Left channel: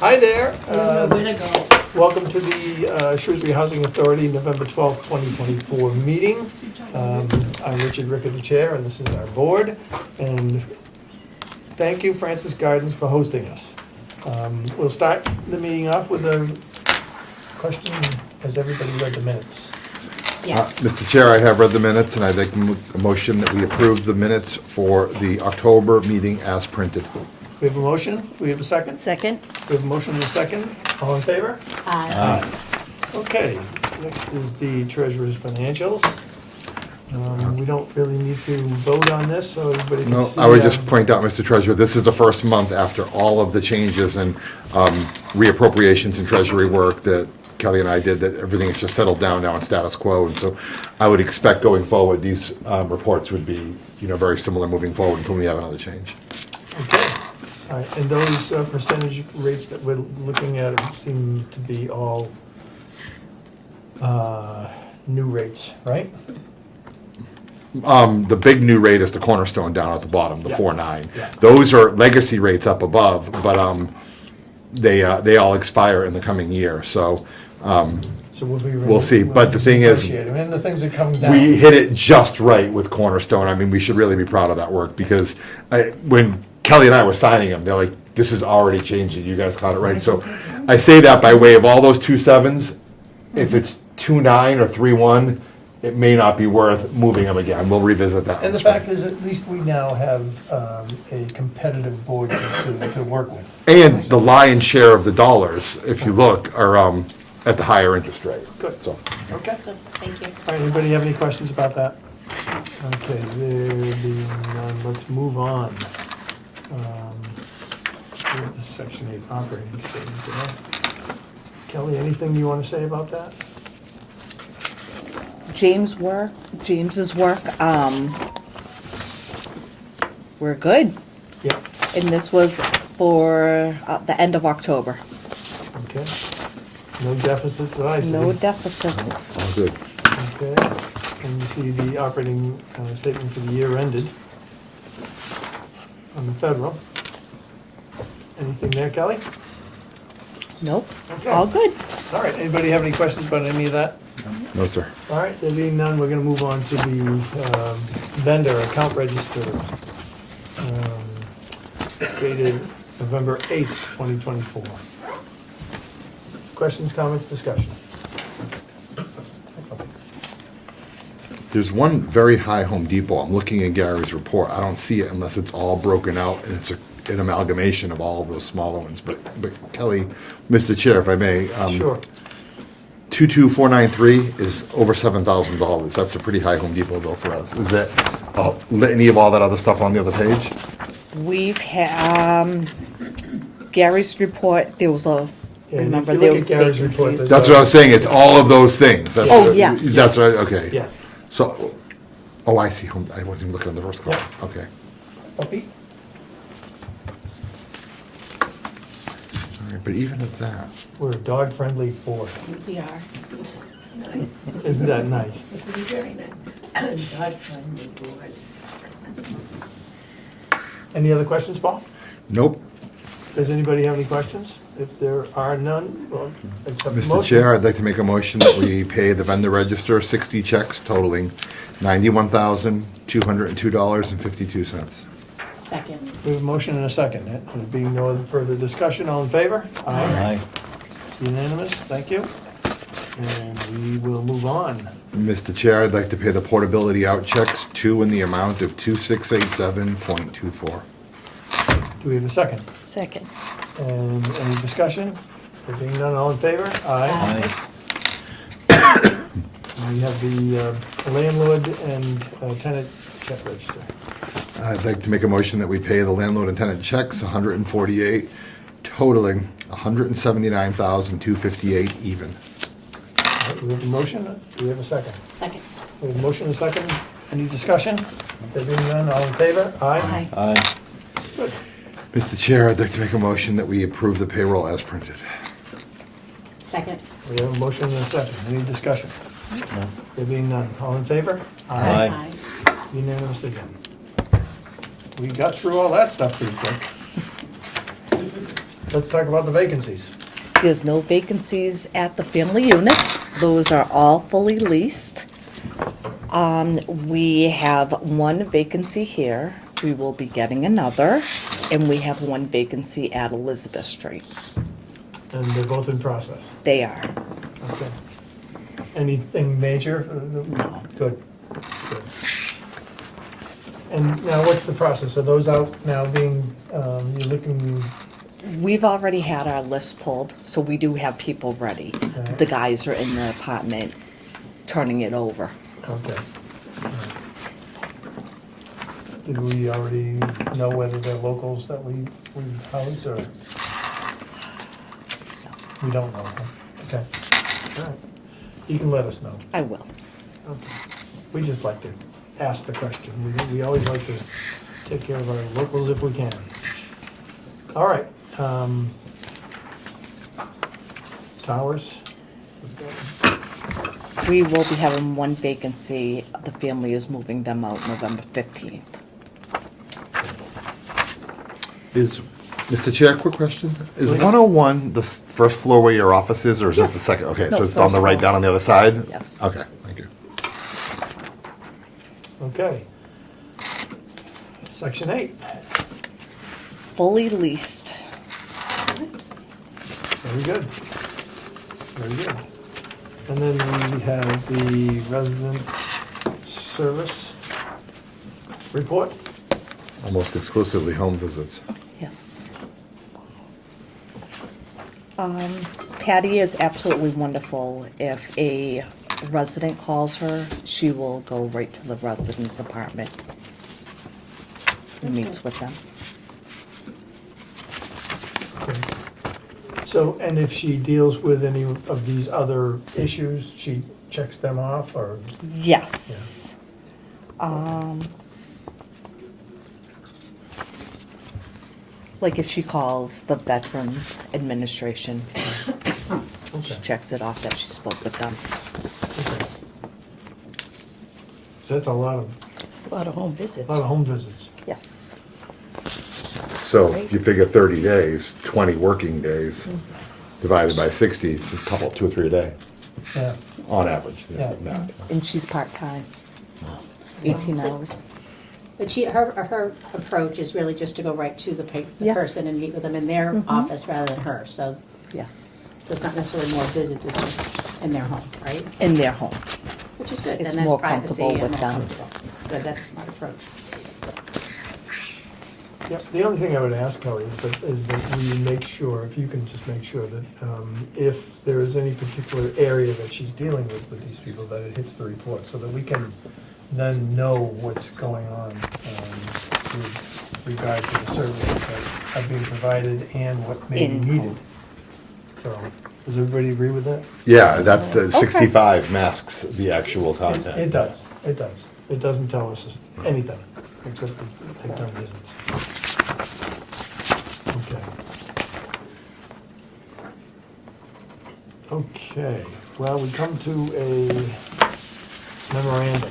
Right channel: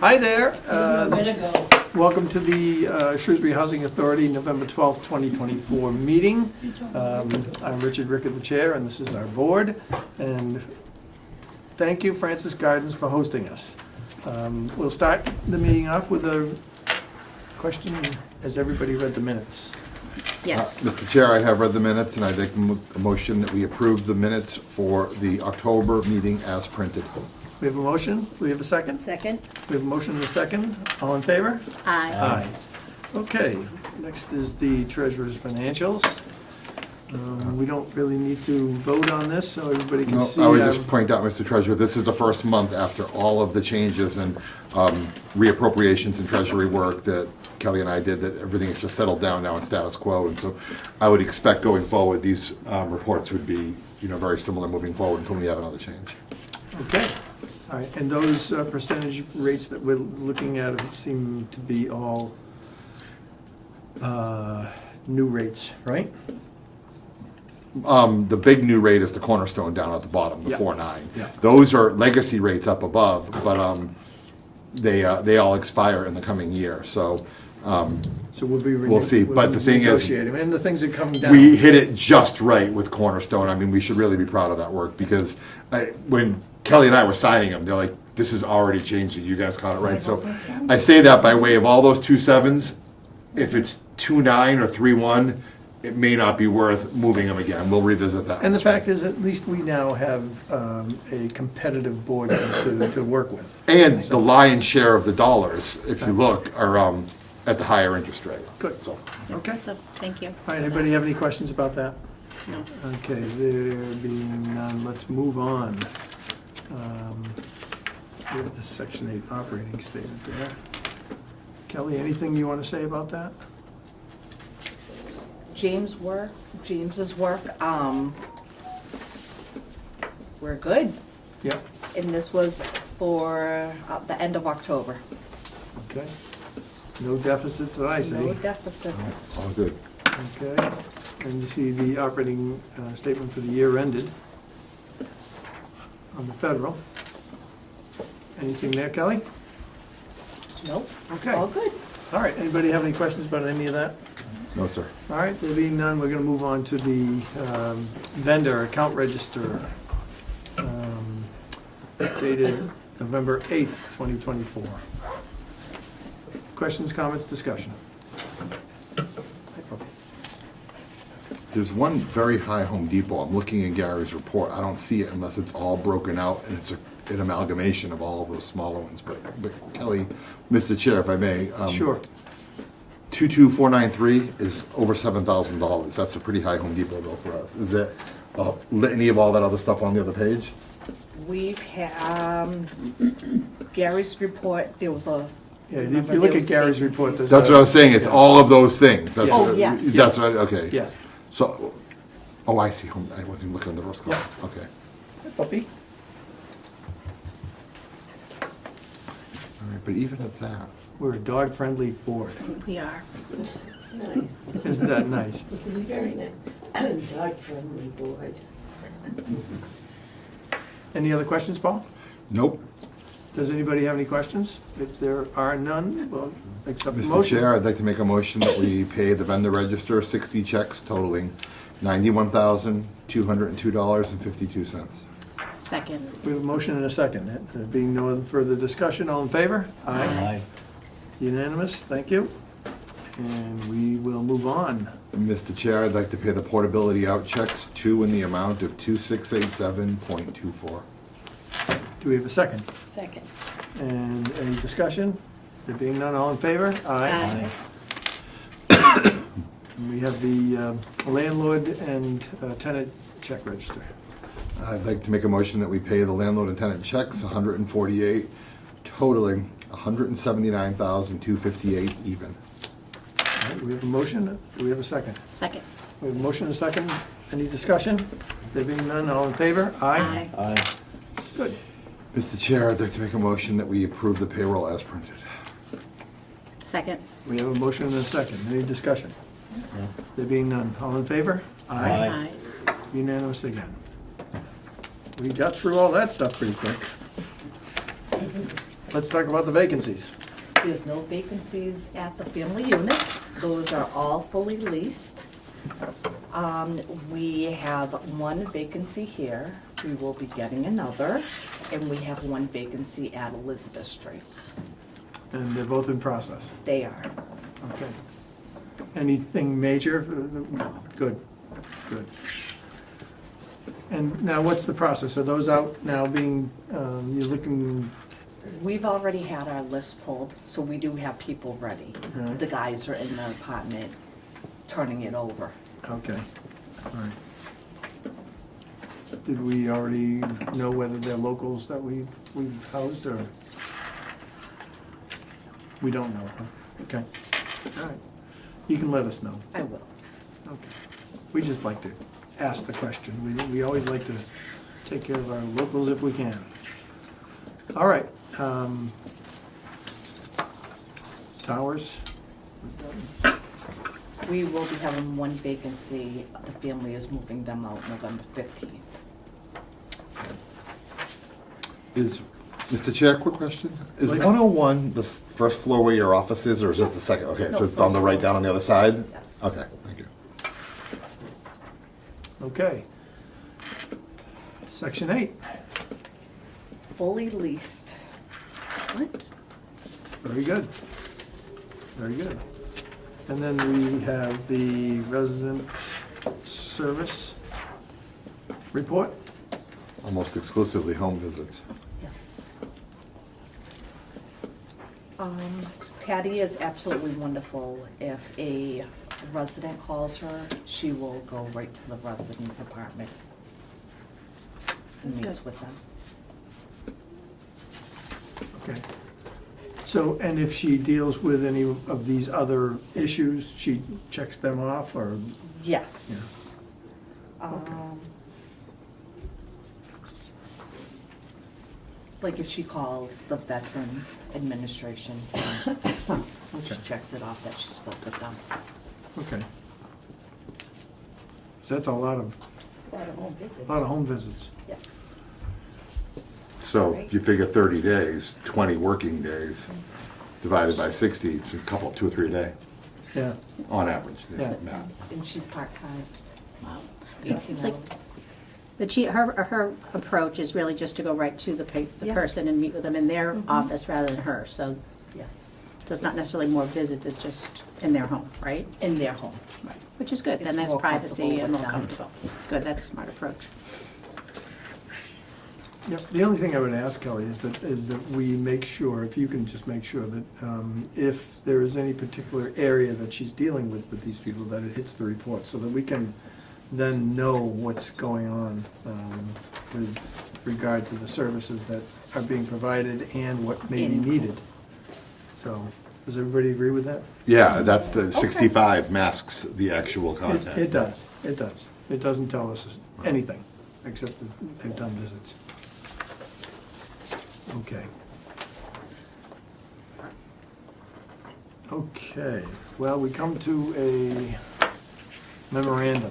Hi there. Way to go. Welcome to the Shrewsbury Housing Authority November 12th, 2024 meeting. I'm Richard Ricker, the chair, and this is our board. And thank you, Francis Gardens, for hosting us. We'll start the meeting off with a question. Has everybody read the minutes? Yes. Mr. Chair, I have read the minutes, and I'd like a motion that we approve the minutes for the October meeting as printed. We have a motion. We have a second. Second? We have a motion and a second. All in favor? Aye. Okay, next is the treasurer's financials. We don't really need to vote on this, so everybody can No, see. I would just point out, Mr. Treasurer, this is the first month after all of the changes and reappropriations and treasury work that Kelly and I did, that everything has just settled down now in status quo. And so I would expect going forward, these reports would be, very similar moving forward until we have another change. Okay, all right, and those percentage rates that we're looking at seem to be all new rates, right? The big new rate is the Cornerstone down at the bottom, the Yeah. 4.9. Yeah. Those are legacy rates up above, but they all expire in the coming year, so So we'll be. We'll see, but the thing is, negotiating, and the things are coming down. we hit it just right with Cornerstone. I mean, we should really be proud of that work, because when Kelly and I were signing them, they're like, this is already changing, you guys caught it right. So I say that by way of all those 2.7s, if it's 2.9 or 3.1, it may not be worth moving them again. We'll revisit that. And the fact is, at least we now have a competitive board to work with. And the lion's share of the dollars, if you look, are at the higher interest rate. Good. So, Okay. Thank you. All right, anybody have any questions about that? Okay, there being none, let's move on. With the Section 8 operating statement there. Kelly, anything you want to say about that? James's work, we're good. Yep. And this was for the end of October. Okay. No deficits that I see. No deficits. all good. Okay, and you see the operating statement for the year ended on the federal. Anything there, Kelly? Nope, Okay. all good. All right, anybody have any questions about any of that? No, sir. All right, there being none, we're gonna move on to the vendor account register, dated November 8th, 2024. Questions, comments, discussion? There's one very high Home Depot. I'm looking at Gary's report. I don't see it unless it's all broken out and it's an amalgamation of all of those smaller ones. But Kelly, Mr. Chair, if I may. Sure. 22493 is over $7,000. That's a pretty high Home Depot bill for us. Is that any of all that other stuff on the other page? We've had, Gary's report, there was a, Yeah, remember, if you there look was at Gary's report, vacancies. That's what I was saying. It's all of those things. That's Oh, what- yes. That's right. Okay. Yes. So, I see. I wasn't even looking at the first column. Okay. Puppy? All right. But even at that, We're a dog-friendly board. We are. Nice. Isn't that nice? It's a very nice, dog-friendly board. Any other questions, Paul? nope. Does anybody have any questions? If there are none, well, accept the Mr. motion. Chair, I'd like to make a motion that we pay the vendor register 60 checks totaling $91,202.52. Second. We have a motion and a second. There being no further discussion, all in favor? Aye. Unanimous, thank you. And we will move on. Mr. Chair, I'd like to pay the portability out checks, 2 in the amount of 2687.24. Do we have a second? second. And any discussion? There being none, all in favor? Aye. And we have the landlord and tenant check register. I'd like to make a motion that we pay the landlord and tenant checks, 148, totaling $179,258 even. All right, we have a motion. Do we have a second? Second. We have a motion and a second. Any discussion? There being none, all in favor? Aye. Good. Mr. Chair, I'd like to make a motion that we approve the payroll as printed. Second. We have a motion and a second. Any discussion? There being none, all in favor? Aye. Unanimous again. We got through all that stuff pretty quick. let's talk about the vacancies. There's no vacancies at the family units. Those are all fully leased. We have one vacancy here. We will be getting another. And we have one vacancy at Elizabeth Street. And they're both in process. They are. Okay. Anything major? No. Good, good. And now what's the process? Are those out now being, you're looking, We've already had our list pulled, so we do have people ready. Alright. The guys are in the apartment turning it over. okay. All right. Did we already know whether they're locals that we've housed or? We don't know, huh? Okay, all right. You can let us know. I will. Okay. We just like to ask the question. We always like to take care of our locals if we can. All right. Towers? We will be having one vacancy. The family is moving them out November 15th. Mr. Chair, quick question. Is 101 the first floor where your office is, or is it the second? Okay, No, so it's on the first right floor. down on the other side? Yes. Okay, thank you. Okay. Section 8. Fully leased. Very good. Very good. And then we have the resident service report. Almost exclusively home visits. Yes. Patty is absolutely wonderful. If a resident calls her, she will go right to the resident's apartment and meets with them. So, and if she deals with any of these other issues, she checks them off, or? Yes. Like if she calls the Veterans Administration, she checks it off that she spoke with them. Okay. So that's a lot of It's a lot of home visits. home visits. Yes. So if you figure 30 days, 20 working days, divided by 60, it's a couple, 2 or 3 a day, Yeah, on average. That's Yeah. the math. And she's part-time, 18 hours. But her approach is really just to go right to the Yes. person and meet with them in their office rather than her. So Yes. it's not necessarily more visits, it's just in their home, right? In their home. Which is good, It's then that's more privacy comfortable and with more them. comfortable. Good, that's a smart approach. yep. The only thing I would ask, Kelly, is that we make sure, if you can just make sure that if there is any particular area that she's dealing with these people, that it hits the report, so that we can then know what's going on with regard to the services that are being provided and what may be In needed. home. So, does everybody agree with that? Yeah, that's the 65 masks the actual content. It does, it does. It doesn't tell us anything, except that they've done visits. Okay. Okay, well, we come to a memorandum.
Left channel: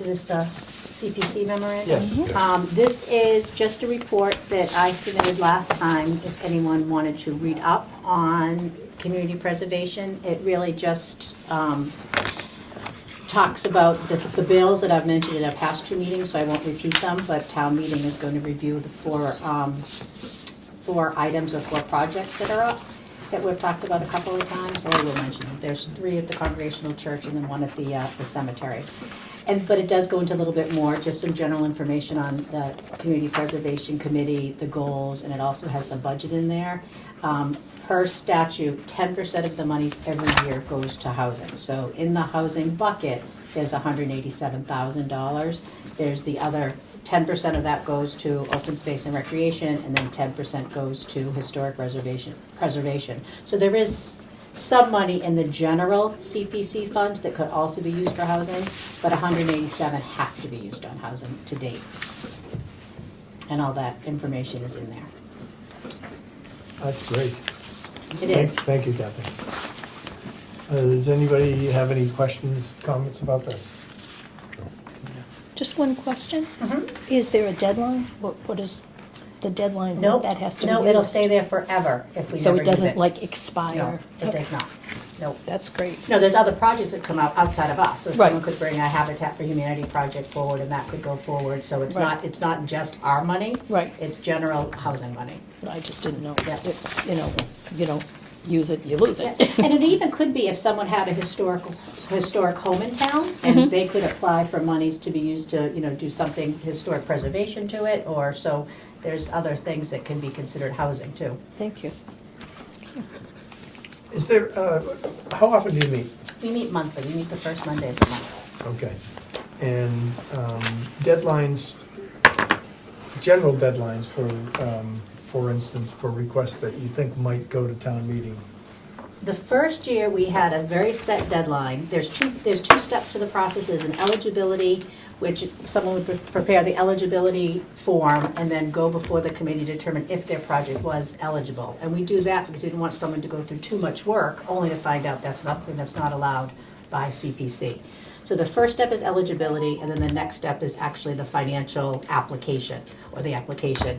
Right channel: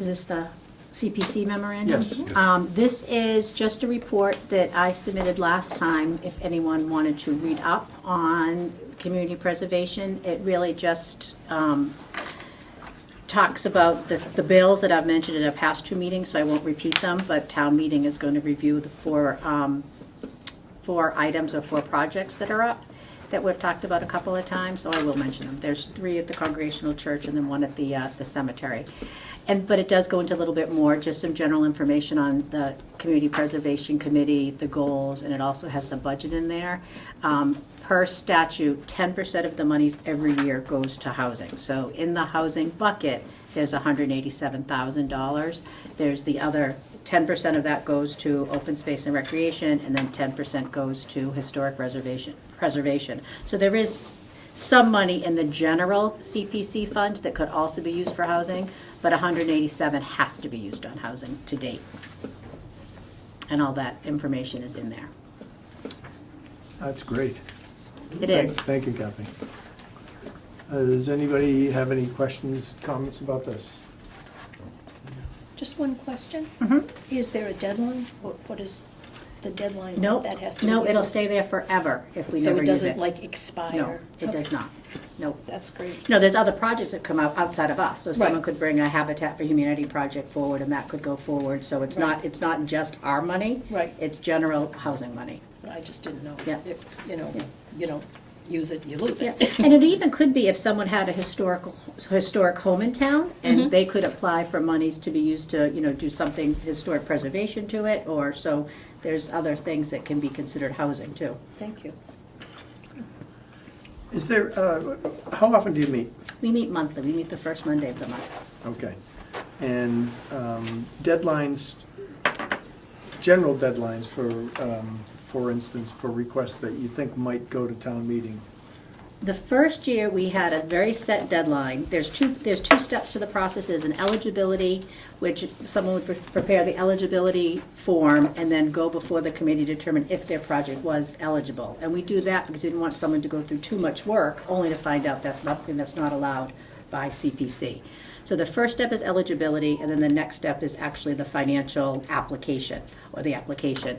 Is this the CPC memorandum? Yes. Yes. This is just a report that I submitted last time, if anyone wanted to read up on community preservation. It really just talks about the bills that I've mentioned in our past 2 meetings, so I won't repeat them, but town meeting is going to review the 4 items or 4 projects that are up, that we've talked about a couple of times, or I will mention them. There's 3 at the Congregational Church and then 1 at the cemetery. But it does go into a little bit more, just some general information on the Community Preservation Committee, the goals, and it also has the budget in there. Per statute, 10% of the monies every year goes to housing. So in the housing bucket, there's $187,000. There's the other 10% of that goes to open space and recreation, and then 10% goes to historic preservation. So there is some money in the general CPC fund that could also be used for housing, but 187 has to be used on housing to date. And all that information is in there. That's great. It is. Thank you, Kathy. Does anybody have any questions, comments about this? Just one question. Is there a deadline? What is the deadline Nope, that has to be no, used? it'll stay there forever if we So never it use it. doesn't like No, expire? it does not. Nope. That's great. No, there's other projects that come out outside of us, so someone Right. could bring a Habitat for Humanity project forward and that could go forward, so it's Right. not, it's not just our money. Right. It's general housing money. I just didn't know. Yeah. If, you know, if you don't use it, you lose Yeah, it. and it even could be if someone had a historic home in town, and they could apply for monies to be used to, you know, do something historic preservation to it, or so there's other things that can be considered housing too. Thank you. Is there, how often do you meet? We meet monthly, we meet the first Monday of the month. Okay. And deadlines, general deadlines for instance, for requests that you think might go to town meeting? The first year, we had a very set deadline. There's two steps to the process. There's an eligibility, which someone would prepare the eligibility form and then go before the committee to determine if their project was eligible. And we do that because we didn't want someone to go through too much work, only to find out that's not allowed by CPC. So the first step is eligibility, and then the next step is actually the financial application, or the application.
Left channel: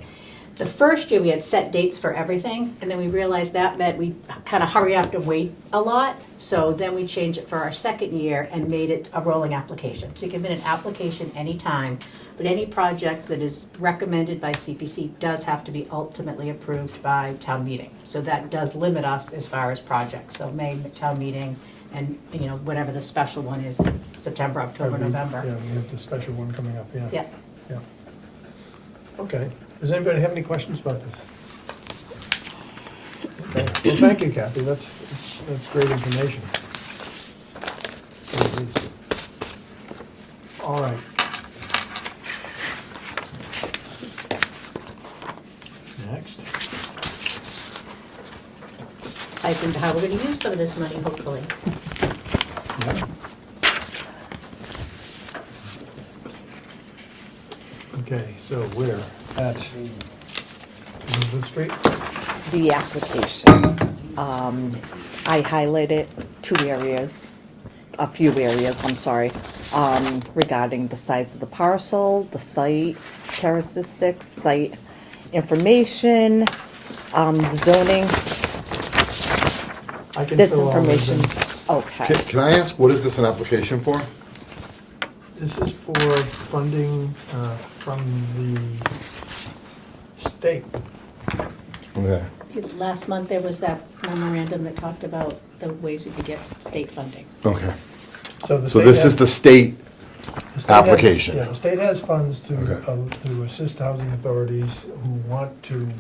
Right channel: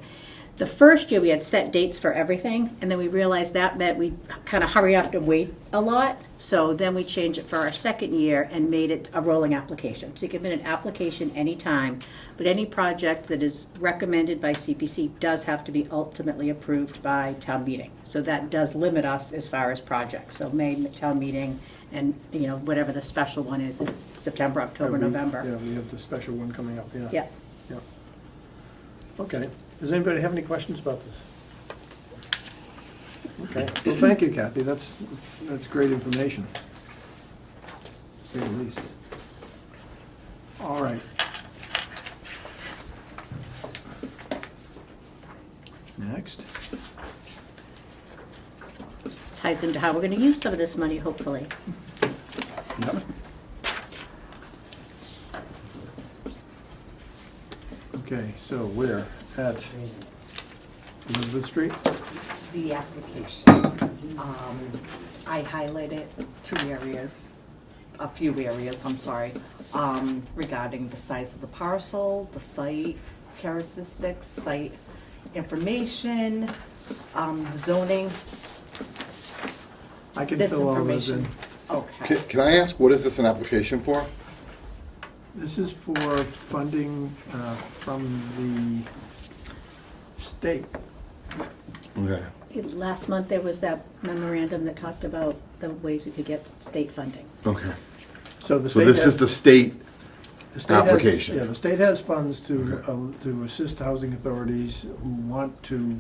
The first year, we had set dates for everything, and then we realized that meant we kind of hurry up and wait a lot. So then we changed it for our second year and made it a rolling application. So you can submit an application anytime, but any project that is recommended by CPC does have to be ultimately approved by town meeting. So that does limit us as far as projects. So May town meeting, and, you know, whatever the special one is, in September, October, November. Yeah, we have the special one coming up, yeah. Yeah. Yeah. Okay. Does anybody have any questions about this? Okay. Well, thank you, Kathy. That's great information. At least. All right. Next. Ties into how we're gonna use some of this money, hopefully. Yep. Okay, so we're at Elizabeth Street. The application, I highlighted a few areas, I'm sorry, regarding the size of the parcel, the site characteristics, site information, zoning, I can this fill all those information. in. Okay. Can I ask, what is this an application for? This is for funding from the state. Okay. Last month, there was that memorandum that talked about the ways we could get state funding. Okay. So the So state this has- is the state the state has- application. Yeah, the state has funds to Okay. assist housing authorities who want to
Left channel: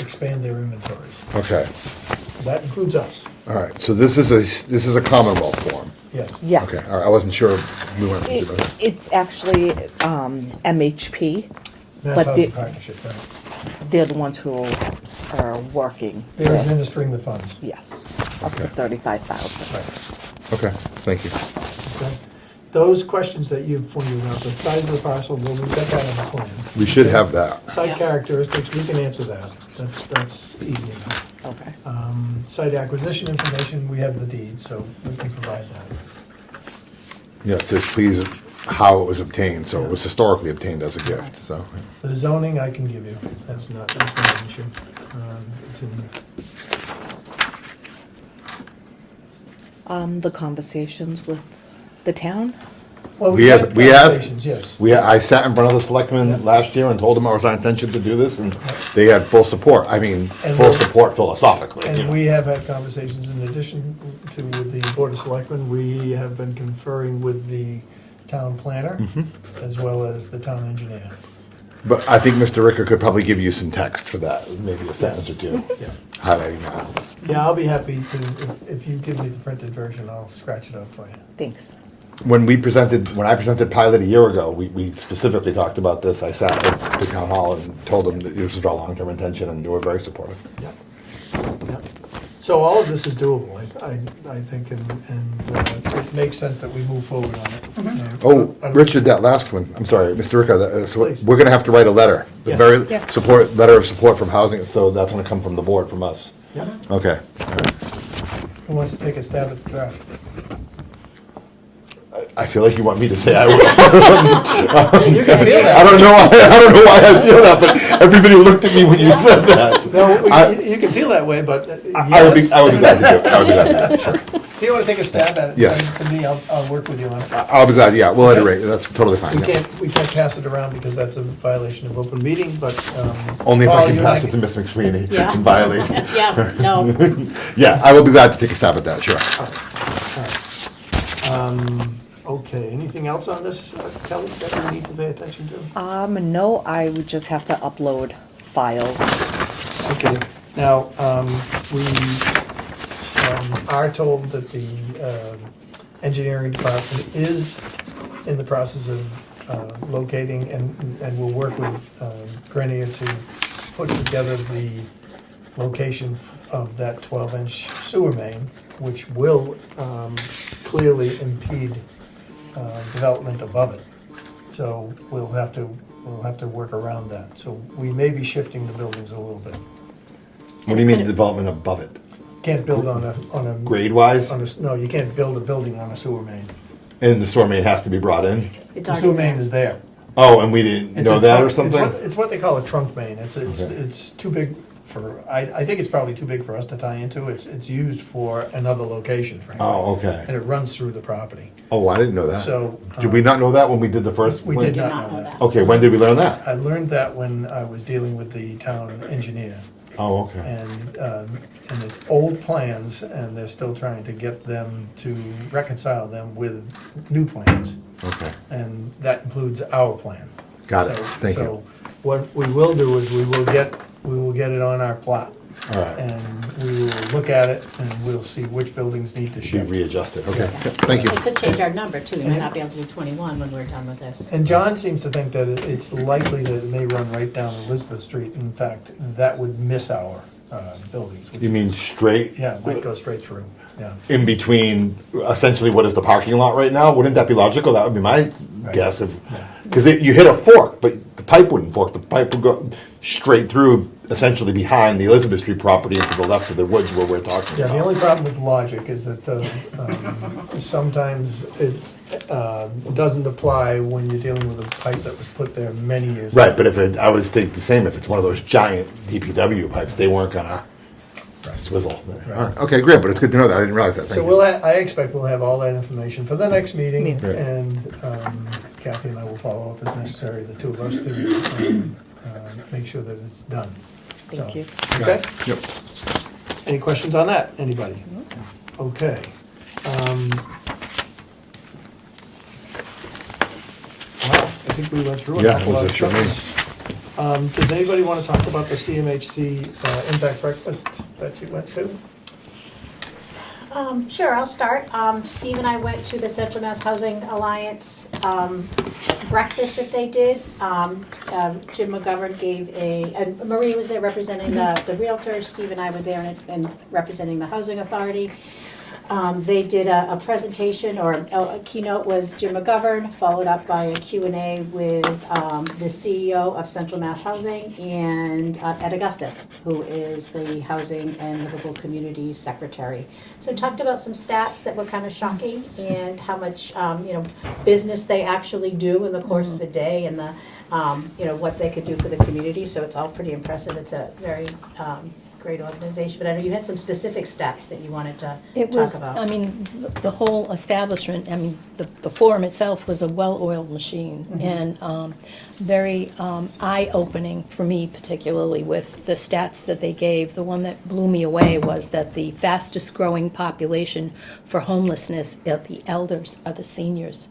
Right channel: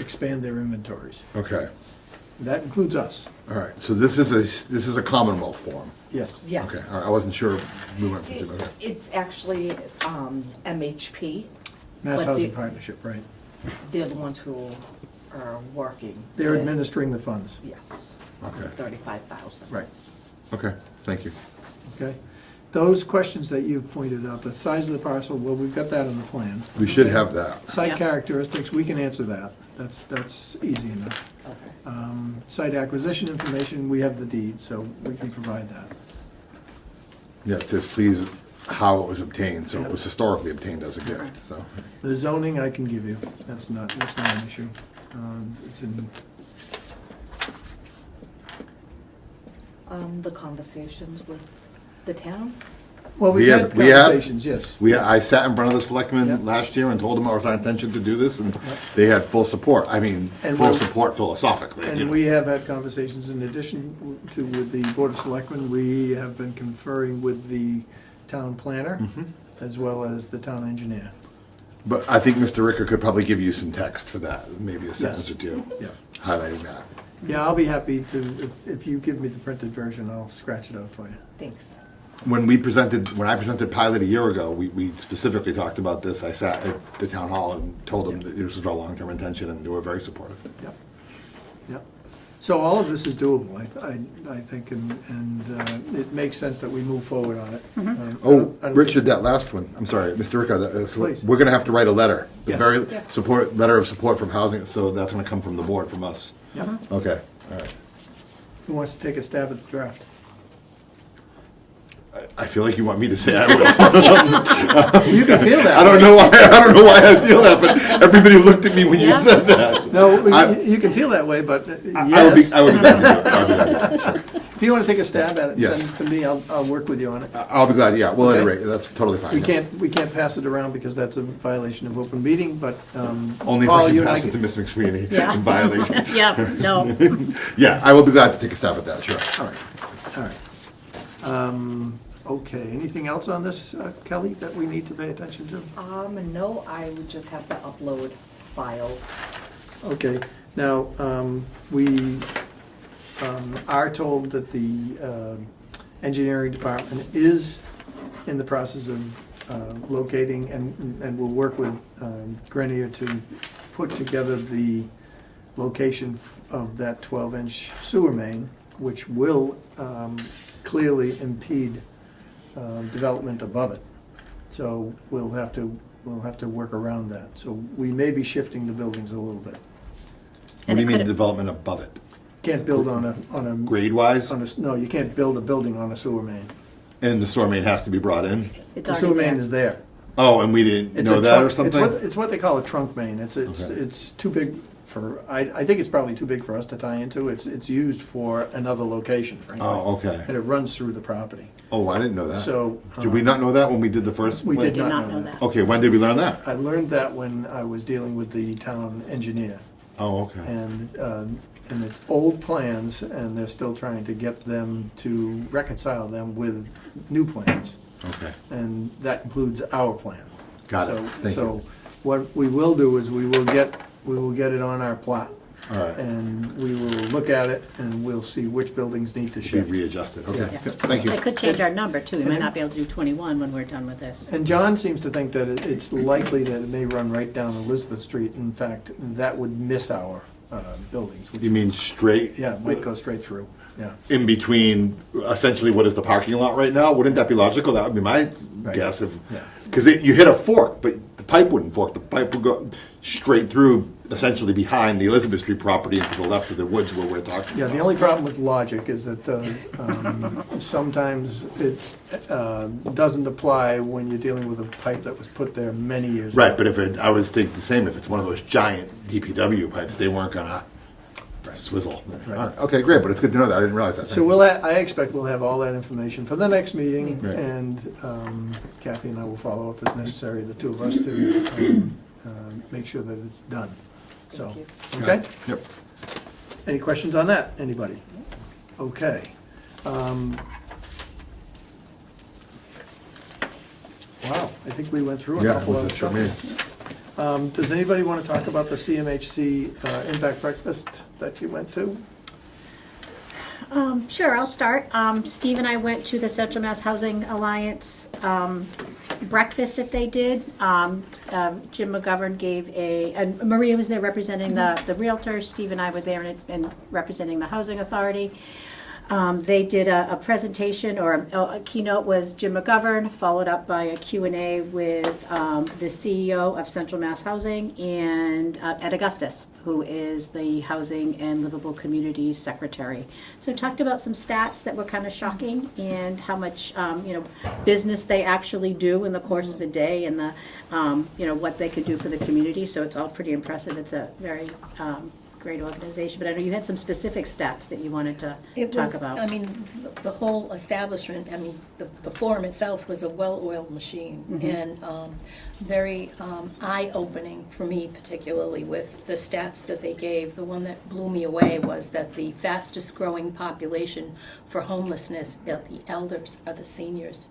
expand their inventories. Okay, That includes us, all right, so this is a Commonwealth form. yes. Yes. Okay, all right, I wasn't sure if we wanted to see about that. It's actually MHP. Mass But Housing the- Partnership, right. They're the ones who are working. They're with- administering the funds. Yes, up to Okay. 35,000. Okay, thank you. Okay. Those questions that you've pointed out, the size of the parcel, well, we've got that in the plan. We should have that. Site Yeah. characteristics, we can answer that. That's easy enough. Okay. Site acquisition information, we have the deed, so we can provide that. Yeah, it says please how it was obtained, so it was historically obtained as a gift, so. The zoning I can give you, that's not an issue. It's in- The conversations with the town? Well, We we've have- had we have- conversations, yes. I sat in front of the selectmen Yeah. last year and told them it was our intention to do this, and they had full support. I mean, And full we'll- support philosophically. you And know. we have had conversations in addition to with the Board of Selectmen. We have been conferring with the town planner Mm-hmm. as well as the town engineer. But I think Mr. Ricker could probably give you some text for that, maybe a sentence or two, Yeah. highlighting that. Yeah, I'll be happy to, if you give me the printed version, I'll scratch it out for you. Thanks. When I presented pilot a year ago, we specifically talked about this. I sat at the town hall and told them that this is our long-term intention, and they were very supportive. Yep. Yep. So all of this is doable, I think, and it makes sense that we move forward on it. Oh, Richard, that last one, I'm sorry, Mr. Ricker, so Please. we're gonna have to write a letter. The Yeah. very Yeah. letter of support from housing, so that's gonna come from the board, from us. Yep. Okay. Who wants to take a stab at the draft? I feel like you want me to say I would. You can feel that. I don't know why I feel that, but everybody looked at me when you said that. No, I- you can feel that way, but I would be yes. glad to do it. I would be glad to do it, sure. If you want to take a stab at it, Yes. send it to me, I'll work with you on it. I'll be glad, yeah, we'll iterate, that's totally fine. We can't pass it around because that's a violation of open meeting, but. Only if I Paul, can you and pass it to Ms. McSweeney Yeah. and violate it. Yeah, no, Yeah, I will be glad to take a stab at that, sure. Okay, anything else on this, Kelly, that we need to pay attention to? No, I would just have to upload files. Okay, now, we are told that the engineering department is in the process of locating and will work with Grenier to put together the location of that 12-inch sewer main, which will clearly impede development above it. So we'll have to work around that. So we may be shifting the buildings a little bit. What do you mean development above it? Can't build on a. Grade-wise? No, you can't build a building on a sewer main. And the sewer main has to be brought in? it's The already sewer main there. is there. Oh, and we didn't It's know a that trunk- or it's something? It's what they call a trunk main. Okay. It's too big for, I think it's probably too big for us to tie into. It's used for another location, frankly. Oh, okay. And it runs through the property. Oh, I didn't know that. So, Did we not know that when we did the first? We when- did Did not not know know that. that. Okay, when did we learn that? I learned that when I was dealing with the town engineer. Oh, okay. And it's old plans, and they're still trying to get them to reconcile them with new plans. Okay. And that includes our plan. Got it. So- Thank you. So what we will do is we will get it on our plot. All right. And we will look at it and we'll see which buildings need to Be shift. readjusted. Okay, Yeah. yeah, thank you. It could change our number too, we might not be able to do 21 when we're done with this. And John seems to think that it's likely that it may run right down Elizabeth Street. In fact, that would miss our buildings. which- You mean straight Yeah, it might go straight through, yeah. in between, essentially what is the parking lot right now? Wouldn't that be logical? That would be my Right. guess of, Yeah. because you hit a fork, but the pipe wouldn't fork. The pipe would go straight through, essentially behind the Elizabeth Street property and to the left of the woods where we're talking Yeah, about. the only problem with logic is that sometimes it doesn't apply when you're dealing with a pipe that was put there many years ago. Right, but I always think the same, if it's one of those giant DPW pipes, they weren't gonna swizzle. Right. All right, okay, great, but it's good to know that. I didn't realize that. So Thank you. I expect we'll have all that information for the next meeting, Right. and Kathy and I will follow up as necessary, the two of us, to make sure that it's done. Thank So, you. Got Okay, it. Yep. any questions on that, anybody? Okay. Well, I think we went through an Yeah, awful lot of was it sure stuff. Does anybody want to talk about the CMHC impact breakfast that you went to? Sure, I'll start. Steve and I went to the Central Mass Housing Alliance breakfast that they did. Jim McGovern gave and Maria was there representing the realtors. Steve and I were there and representing the housing authority. They did a presentation, or a keynote was Jim McGovern, followed up by a Q&A with the CEO of Central Mass Housing and Ed Augustus, who is the Housing and Livable Communities Secretary. So talked about some stats that were kind of shocking and how much business they actually do in the course of a day, and the what they could do for the community. So it's all pretty impressive. It's a very great organization, but I know you had some specific stats that you wanted to It talk was, about. I mean, the whole establishment, I mean, the forum itself was a well-oiled machine, and very eye-opening for me, particularly with the stats that they gave. The one that blew me away was that the fastest-growing population for homelessness of the elders are the seniors.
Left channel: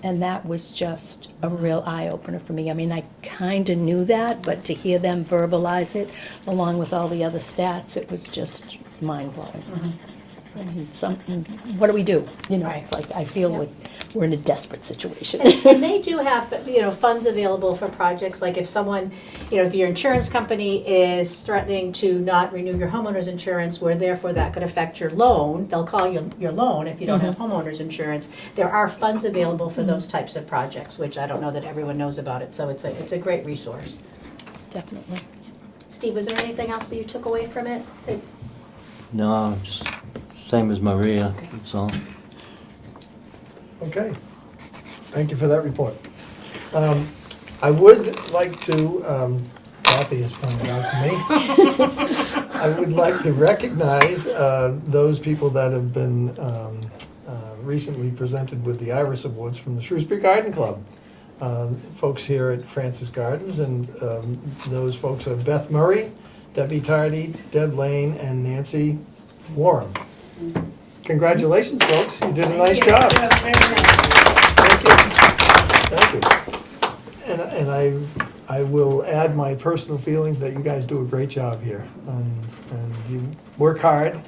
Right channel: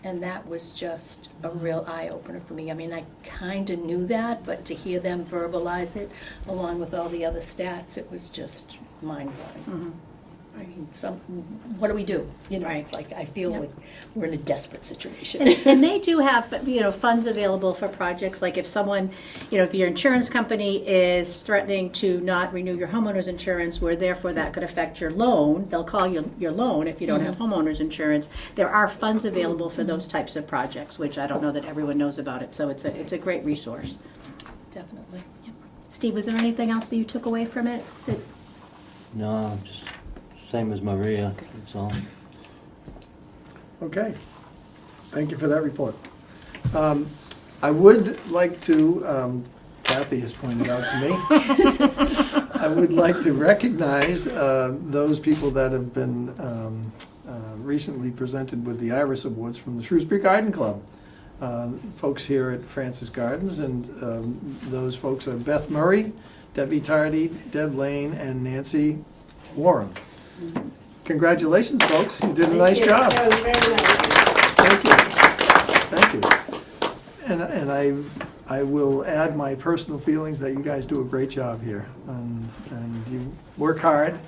And that was just a real eye-opener for me. I mean, I kind of knew that, but to hear them verbalize it, along with all the other stats, it was just mind-blowing. I mean, what do we do? Right. It's like, I feel like we're in a desperate situation. And they do have, funds available for projects, like if someone, if your insurance company is threatening to not renew your homeowner's insurance, where therefore that could affect your loan, they'll call you your loan if you don't have homeowner's insurance. There are funds available for those types of projects, which I don't know that everyone knows about it, so it's a great resource. Definitely. Steve, was there anything else that you took away from it? No, just same as Maria, that's all. Okay, Thank you for that report. I would like to, Kathy has pointed out to me, I would like to recognize those people that have been recently presented with the Iris Awards from the Shrewsbury Garden Club. Folks here at Francis Gardens, and those folks are Beth Murray, Debbie Tardy, Deb Lane, and Nancy Warren. Congratulations, folks, you did a nice job. Very nice. Thank you. And I will add my personal feelings that you guys do a great job here. And you work hard,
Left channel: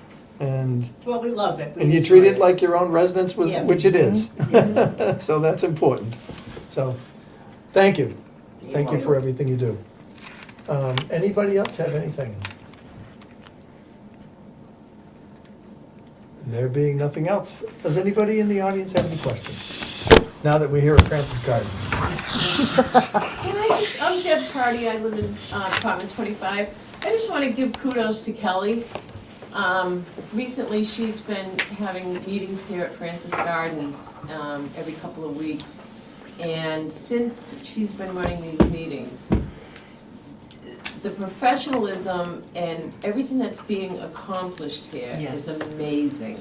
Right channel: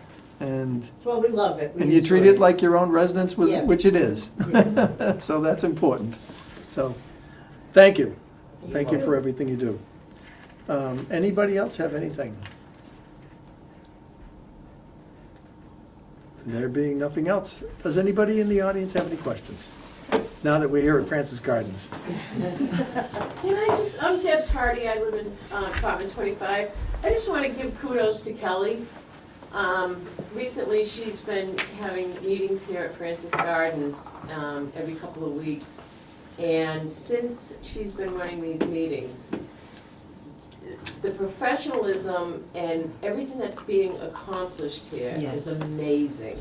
and Well, we love it. We you treat enjoy it like your own residence, Yes. which it is. Yes. So that's important. So, thank you. You're Thank you for welcome. everything you do. Anybody else have anything? There being nothing else, does anybody in the audience have any questions? Now that we're here at Francis Gardens. I'm Deb Tardy, I live in apartment 25. I just want to give kudos to Kelly. Recently, she's been having meetings here at Francis Gardens every couple of weeks. And since she's been running these meetings, the professionalism and everything that's being accomplished here is Yes. amazing.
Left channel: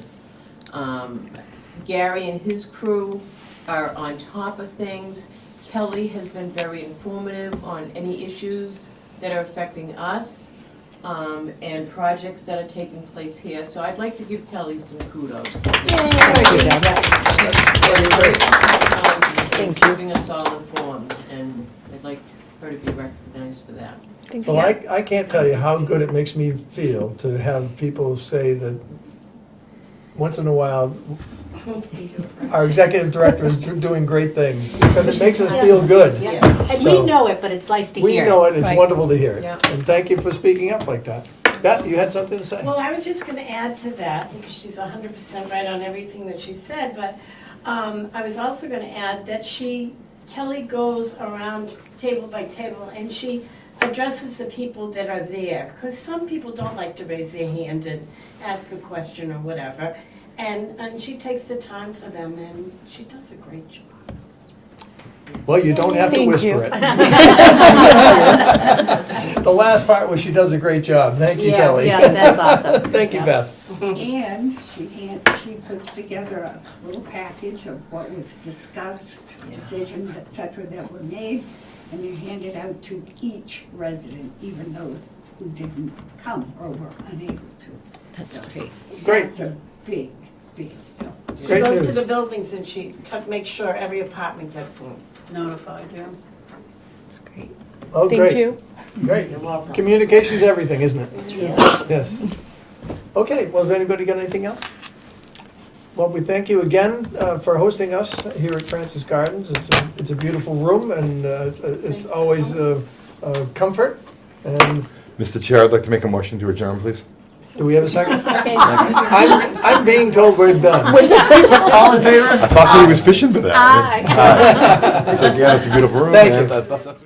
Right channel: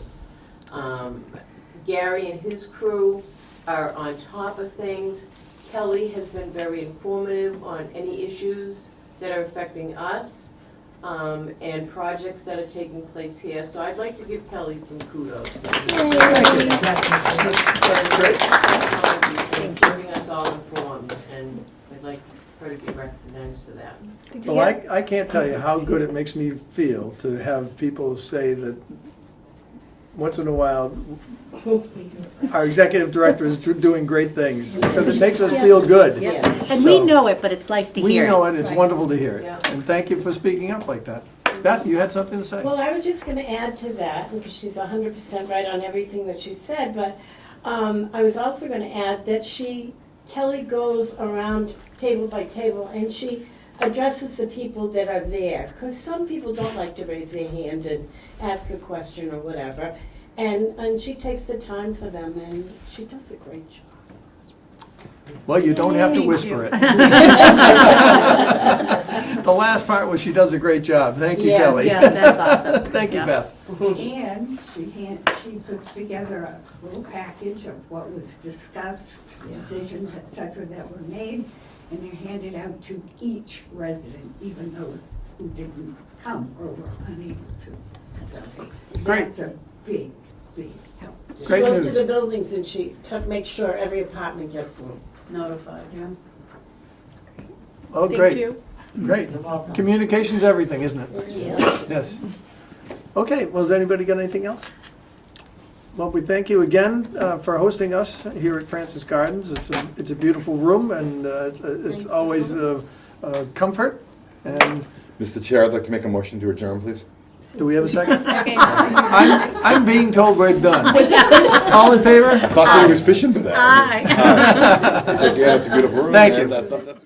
Gary and his crew are on top of things. Kelly has been very informative on any issues that are affecting us, and projects that are taking place here. So I'd like to give Kelly some kudos. Thank you. Keeping us all informed, and I'd like her to be recognized for that. Well, I can't tell you how good it makes me feel to have people say that once in a while, our executive director is doing great things, because it makes us feel good. Yes. And So- we know it, but it's nice to We hear. know it, it's Right. wonderful to hear it. Yeah. And thank you for speaking up like that. Beth, you had something to say? Well, I was just gonna add to that, because she's 100% right on everything that she said, but I was also gonna add that Kelly goes around table by table, and she addresses the people that are there, because some people don't like to raise their hand and ask a question or whatever, and she takes the time for them, and she does a great job. Well, you don't have to Thank whisper you. it. The last part was she does a great job. Thank you, Yeah, Kelly. Yeah, that's awesome. Thank you, Beth. And she puts together a little package of what was discussed, decisions, et cetera, that were made, and they're handed out to each resident, even those who didn't come or were unable to. That's great. Great. That's a big, big help. She Great goes to news. the buildings and she makes sure every apartment gets notified, yeah. That's great. Oh, Thank great. you. Great. Communication's everything, isn't it? Yes. Okay, well, has anybody got anything else? Well, we thank you again for hosting us here at Francis Gardens. It's a beautiful room, and it's always a comfort. And Mr. Chair, I'd like to make a motion to adjourn, please. do we have a second? Okay. I'm being told we're done. All in favor? I thought he was fishing for that. Aye. He's like, yeah, it's a beautiful room. Thank man. you. That's-